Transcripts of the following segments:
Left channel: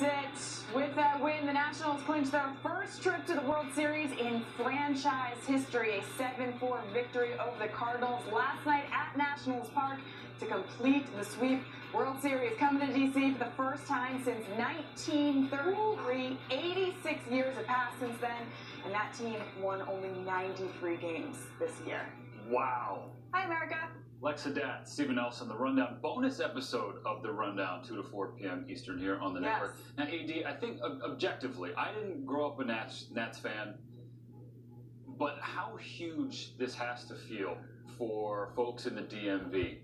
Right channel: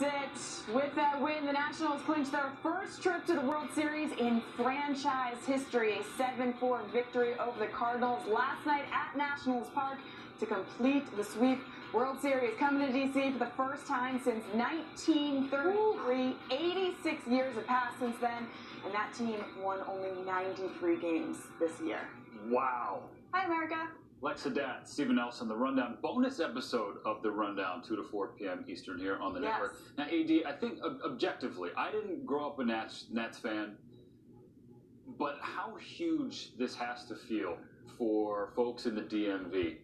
That's it. With that win, the Nationals clinched their first trip to the World Series in franchise history. A 7-4 victory over the Cardinals last night at Nationals Park to complete the sweep. World Series coming to D.C. for the first time since 1933. 86 years have passed since then, and that team won only 93 games this year. Wow. Hi, America. Lex Haddad, Stephen Nelson, the Rundown bonus episode of the Rundown, 2 to 4 p.m. Eastern here on the network. Now, AD, I think objectively, I didn't grow up a Nats fan, but how huge this has to feel for folks in the DMV.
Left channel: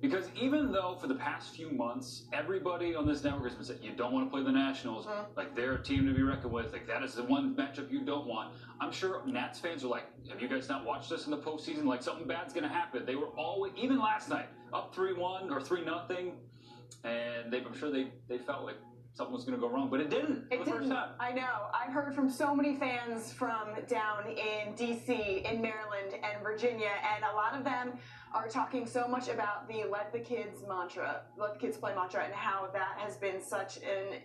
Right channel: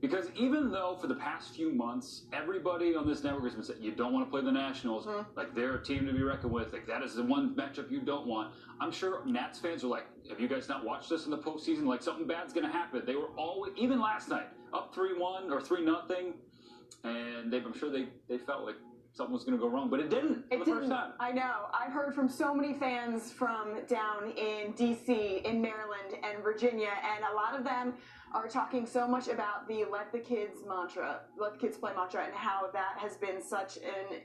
Because even though for the past few months, everybody on this network has been saying, you don't want to play the Nationals, like they're a team to be reckoned with, like that is the one matchup you don't want. I'm sure Nats fans are like, have you guys not watched this in the postseason? Like something bad's going to happen. They were always, even last night, up 3-1 or 3-0, and I'm sure they felt like something was going to go wrong, but it didn't. It didn't. I know. I've heard from so many fans from down in D.C., in Maryland, and Virginia, and a lot of them are talking so much about the let the kids play mantra, and how that has been such an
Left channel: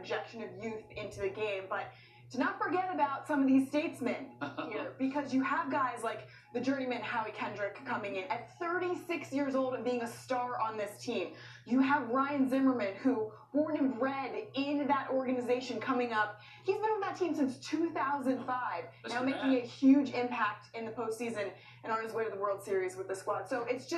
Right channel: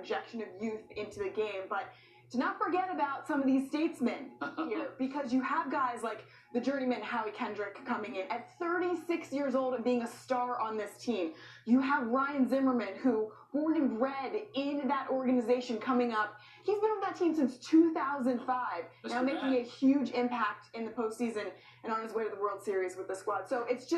injection of youth into the game. But to not forget about some of these statesmen here, because you have guys like the journeyman Howie Kendrick coming in at 36 years old and being a star on this team. You have Ryan Zimmerman, who born and bred in that organization, coming up. He's been on that team since 2005, now making a huge impact in the postseason and on his way to the World Series with the squad. So it's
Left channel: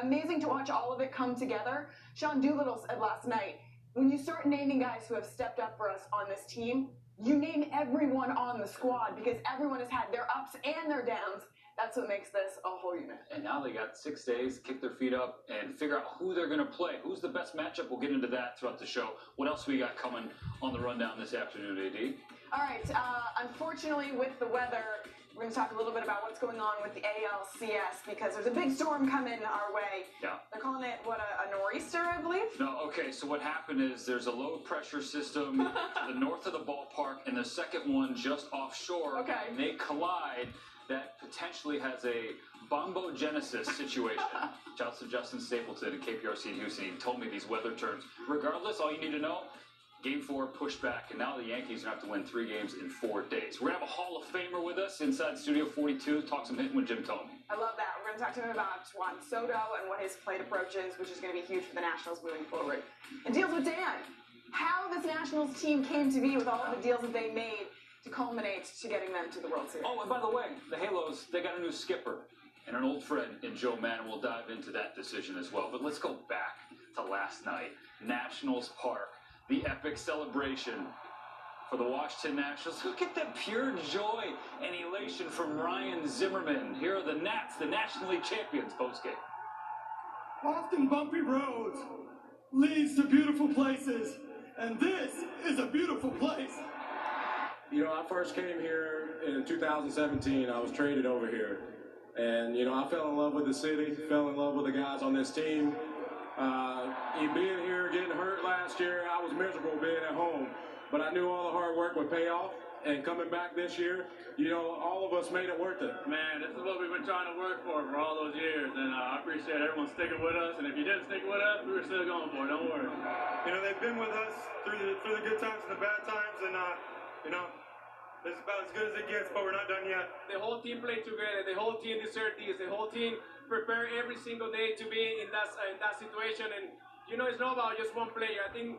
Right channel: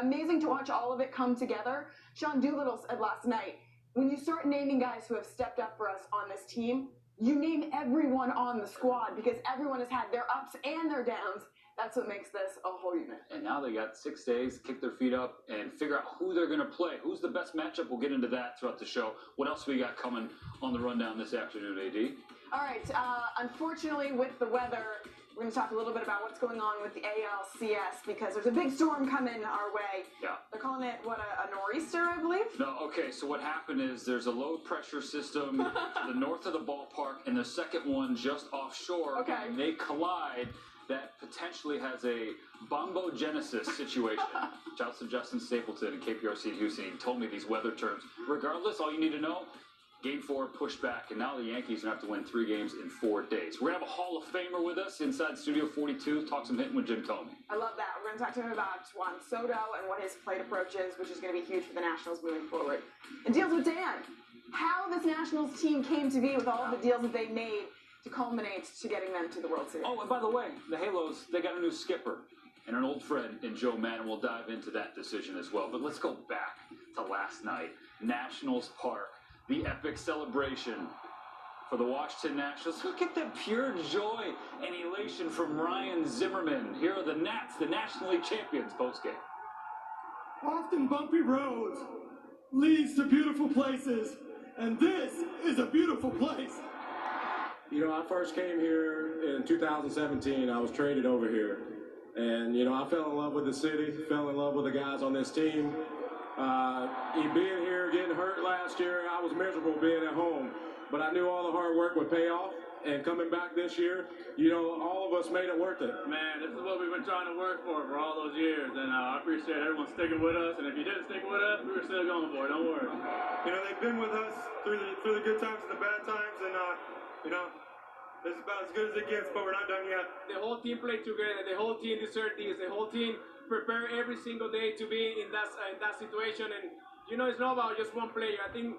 amazing to watch all of it come together. Sean Doolittle said last night, when you start naming guys who have stepped up for us on this team, you name everyone on the squad, because everyone has had their ups and their downs. That's what makes this a whole unit. And now they got 6 days to kick their feet up and figure out who they're going to play. Who's the best matchup? We'll get into that throughout the show. What else we got coming on the Rundown this afternoon, AD? All right. Unfortunately, with the weather, we're going to talk a little bit about what's going on with the ALCS, because there's a big storm coming our way. Yeah. They're calling it, a nor'easter, I believe? No, okay, so what happened is there's a low pressure system to the north of the ballpark, and the second one just offshore. Okay. And they collide. That potentially has a bombogenesis situation. Shouts to Justin Stapleton and KPRC in Houston. He told me these weather terms. Regardless, all you need to know, Game 4 pushed back, and now the Yankees are going to have to win 3 games in 4 days. We're going to have a Hall of Famer with us inside Studio 42. Talk some hitting with Jim Thome. I love that. We're going to talk to him about Juan Soto and what his plate approach is, which is going to be huge for the Nationals moving forward. And deals with Dan. How this Nationals team came to be with all of the deals that they made to culminate to getting them to the World Series. Oh, and by the way, the Halos, they got a new skipper and an old friend in Joe Mann. We'll dive into that decision as well. But let's go back to last night. Nationals Park, the epic celebration for the Washington Nationals. Look at the pure joy and elation from Ryan Zimmerman. Here are the Nats, the National League champions postgame. Often bumpy roads leads to beautiful places, and this is a beautiful place. You know, I first came here in 2017. I was traded over here. And, I fell in love with the city, fell in love with the guys on this team. Being here, getting hurt last year, I was miserable being at home. But I knew all the hard work would pay off. And coming back this year, all of us made it worth it. Man, this is what we've been trying to work for all those years. And I appreciate everyone sticking with us. And if you didn't stick with us, we were still going for it. Don't worry. They've been with us through the good times and the bad times. And, this is about as good as it gets, but we're not done yet. The whole team played together. The whole team deserved this. The whole team prepared every single day to be in that situation. And, it's not about just one player. I think,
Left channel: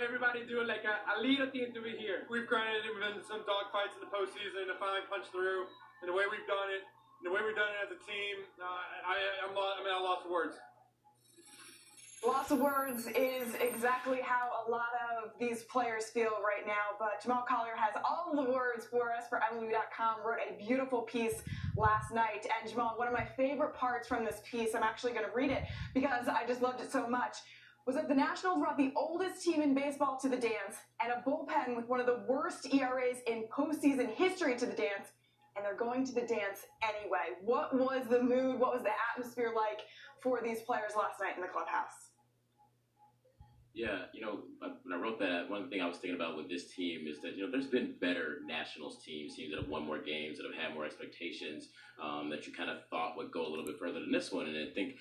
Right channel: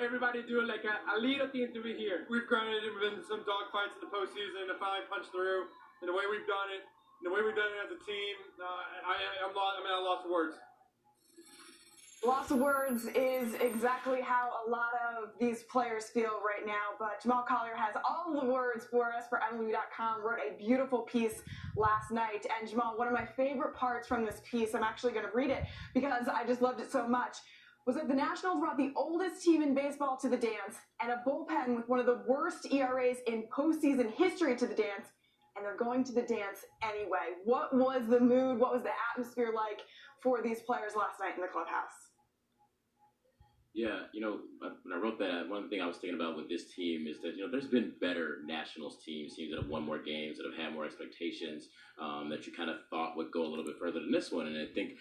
everybody doing like a little thing to be here. We've grinded in some dog fights in the postseason to finally punch through. And the way we've done it, as a team, I'm lost for words. Loss of words is exactly how a lot of these players feel right now, but Jamal Collier has all of the words for us for MLB.com, wrote a beautiful piece last night. And Jamal, one of my favorite parts from this piece, I'm actually going to read it because I just loved it so much, was that the Nationals brought the oldest team in baseball to the dance and a bullpen with one of the worst ERAs in postseason history to the dance, and they're going to the dance anyway. What was the mood? What was the atmosphere like for these players last night in the clubhouse? Yeah, when I wrote that, one thing I was thinking about with this team is that, there's been better Nationals teams that have won more games, that have had more expectations, that you kind of thought would go a little bit further than this one. And I think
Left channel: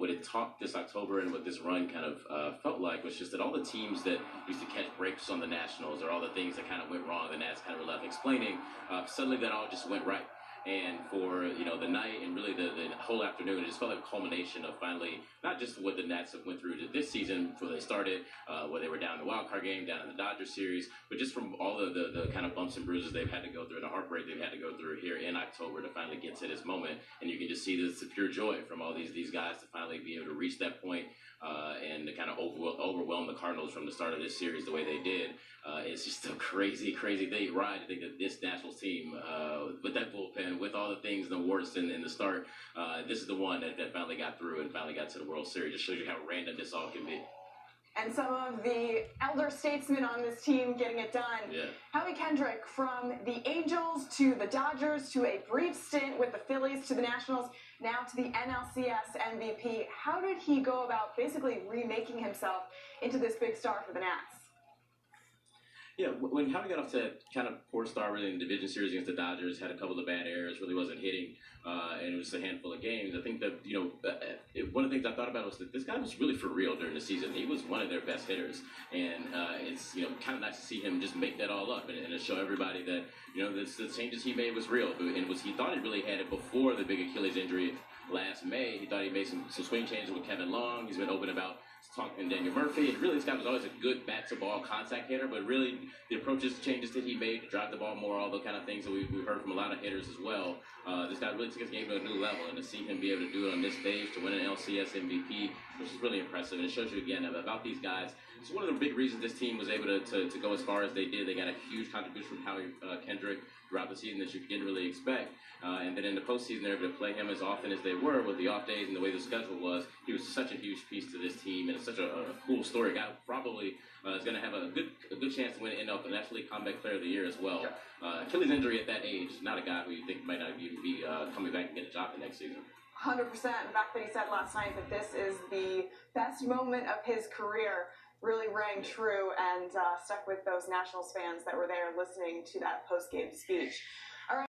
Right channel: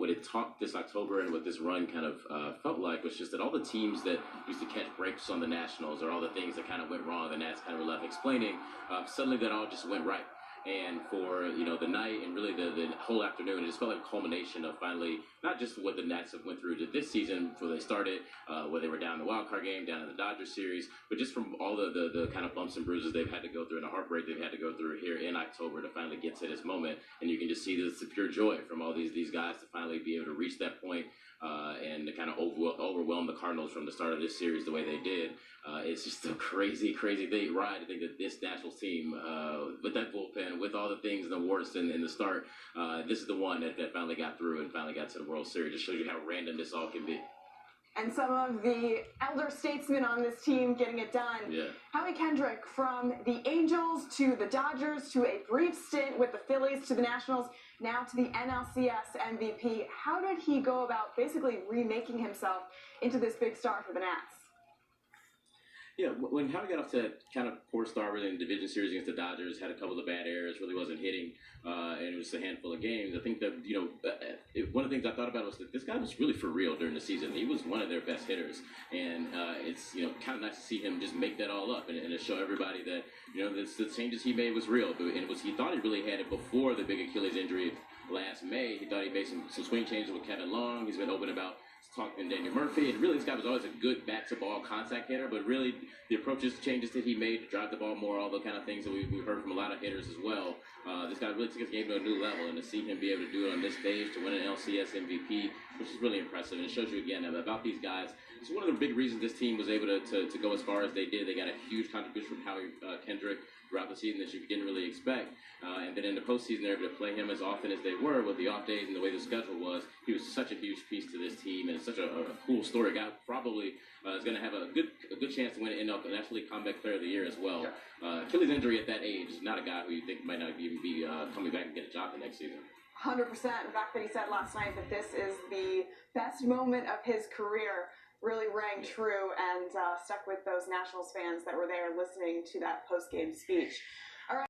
what it taught this October and what this run kind of felt like was just that all the teams that used to catch breaks on the Nationals, or all the things that kind of went wrong, the Nats kind of were left explaining, suddenly that all just went right. And for the night and really the whole afternoon, it just felt like a culmination of finally not just what the Nats have went through this season before they started, where they were down in the wild card game, down in the Dodgers series, but just from all the kind of bumps and bruises they've had to go through and the heartbreak they've had to go through here in October to finally get to this moment. And you can just see this pure joy from all these guys to finally be able to reach that point and to kind of overwhelm the Cardinals from the start of this series the way they did. It's just a crazy thing, ride to think that this Nationals team, with that bullpen, with all the things and the warts in the start, this is the one that finally got through and finally got to the World Series. It shows you how random this all can be. And some of the elder statesmen on this team getting it done. Yeah. Howie Kendrick, from the Angels to the Dodgers to a brief stint with the Phillies to the Nationals, now to the NLCS MVP. How did he go about basically remaking himself into this big star for the Nats? Yeah, when Howie got off to that kind of poor start really in the division series against the Dodgers, had a couple of bad errors, really wasn't hitting, and it was just a handful of games. I think that, one of the things I thought about was that this guy was really for real during the season. He was one of their best hitters, and it's, kind of nice to see him just make that all up and to show everybody that, the changes he made was real. And he thought he really had it before the big Achilles injury last May. He thought he made some swing changes with Kevin Long. He's been open about talking to Daniel Murphy, and really this guy was always a good back-to-ball contact hitter, but really the changes that he made to drive the ball more, all the kind of things that we've heard from a lot of hitters as well. This guy really took his game to a new level, and to see him be able to do it on this stage, to win an LCS MVP, which is really impressive, and it shows you again about these guys. It's one of the big reasons this team was able to go as far as they did. They got a huge contribution from Howie Kendrick throughout the season that you didn't really expect. And then in the postseason, they were able to play him as often as they were with the off days and the way the schedule was. He was such a huge piece to this team, and it's such a cool story. A guy probably is going to have a good chance to win an National League Comeback Player of the Year as well. Yeah. Achilles injury at that age is not a guy who you think might not even be coming back and get a job the next season. 100%. The fact that he said last night that this is the best moment of his career really rang true and stuck with those Nationals fans that were there listening to that post-game speech. All right.